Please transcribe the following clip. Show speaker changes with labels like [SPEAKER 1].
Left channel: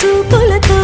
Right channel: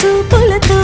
[SPEAKER 1] చూపులతో